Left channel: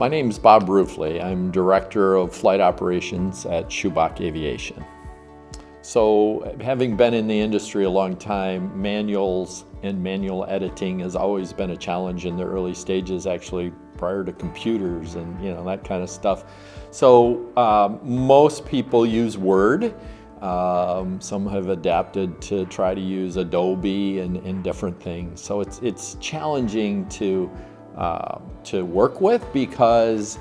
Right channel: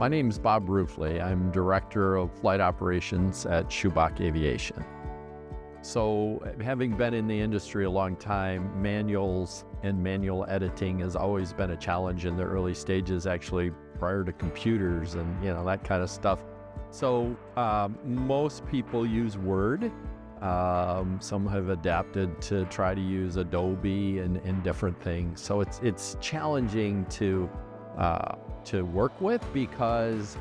My name is Bob Ruefle. I'm Director of Flight Operations at Schubach Aviation. So, having been in the industry a long time, manuals and manual editing has always been a challenge in the early stages, actually prior to computers and that kind of stuff. So most people use Word. Some have adapted to try to use Adobe and different things. So it's challenging to work with, because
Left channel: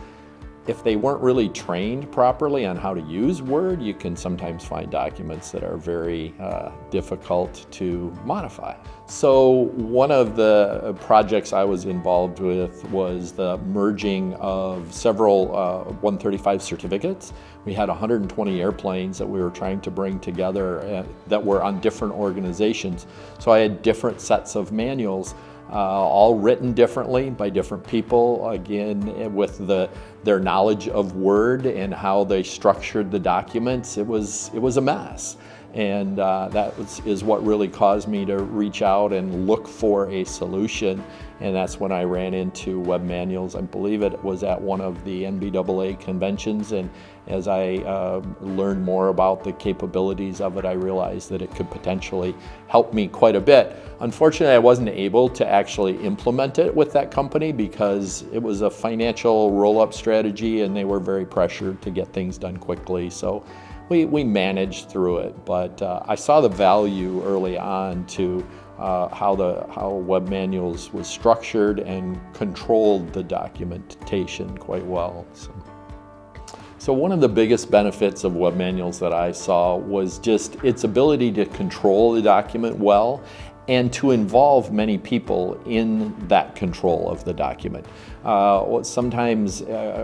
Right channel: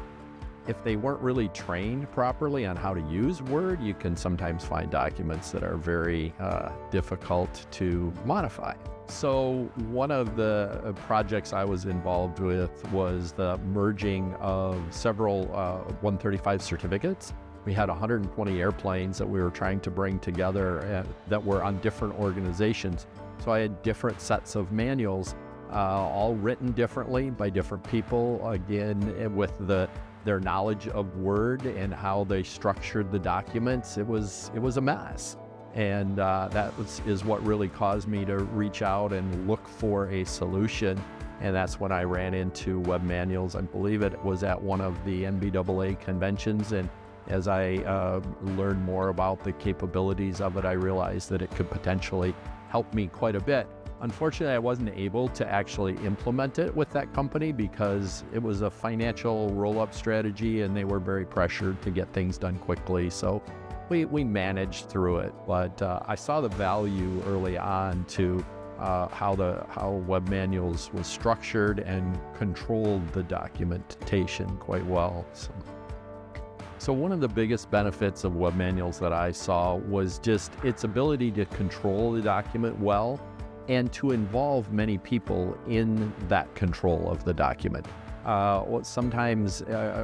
if they weren't really trained properly on how to use Word, you can sometimes find documents that are very difficult to modify. So one of the projects I was involved with was the merging of several 135 certificates. We had 120 airplanes that we were trying to bring together that were on different organizations. So I had different sets of manuals, all written differently by different people, again with their knowledge of Word and how they structured the documents. It was a mess. And is what really caused me to reach out and look for a solution. And that's when I ran into web manuals. I believe it was at one of the NBAA conventions. And as I learned more about the capabilities of it, I realized that it could potentially help me quite a bit. Unfortunately, I wasn't able to actually implement it with that company because it was a financial roll-up strategy and they were very pressured to get things done quickly. So we managed through it, but I saw the value early on to how web manuals was structured and controlled the documentation quite well. So one of the biggest benefits of web manuals that I saw was just its ability to control the document well and to involve many people in that control of the document. Sometimes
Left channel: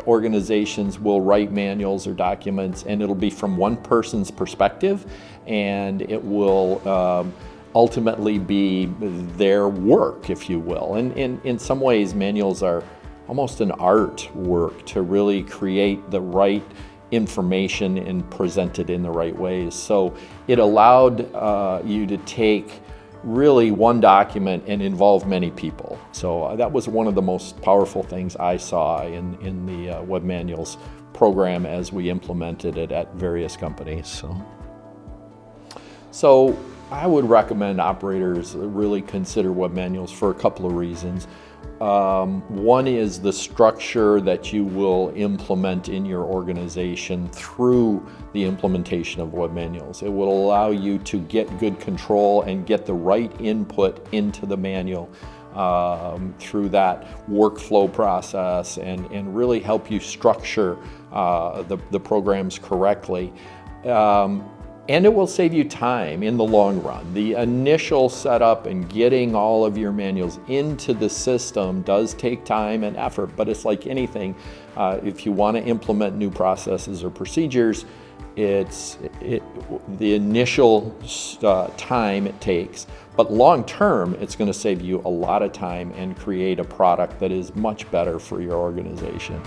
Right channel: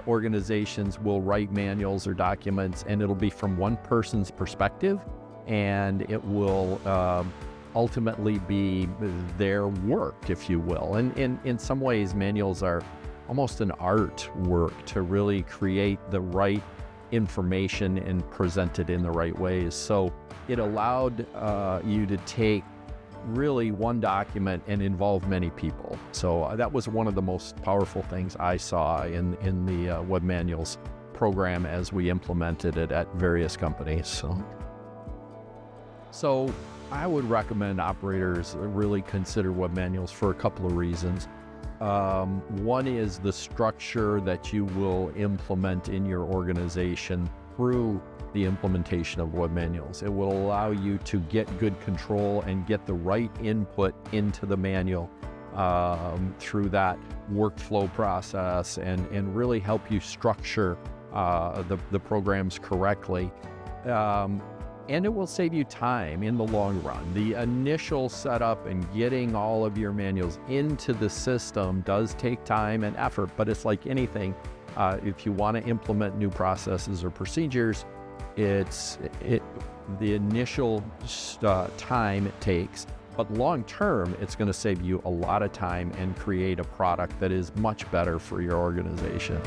organizations will write manuals or documents and it'll be from one person's perspective, and it will ultimately be their work, if you will. And in some ways, manuals are almost an artwork to really create the right information and present it in the right ways. So it allowed you to take really one document and involve many people. So that was one of the most powerful things I saw in the web manuals program as we implemented it at various companies. So I would recommend operators really consider web manuals for a couple of reasons. One is the structure that you will implement in your organization through the implementation of web manuals. It will allow you to get good control and get the right input into the manual through that workflow process and really help you structure the programs correctly. And it will save you time in the long run. The initial setup and getting all of your manuals into the system does take time and effort, but it's like anything. If you want to implement new processes or procedures, the initial time it takes, but long term, it's going to save you a lot of time and create a product that is much better for your organization.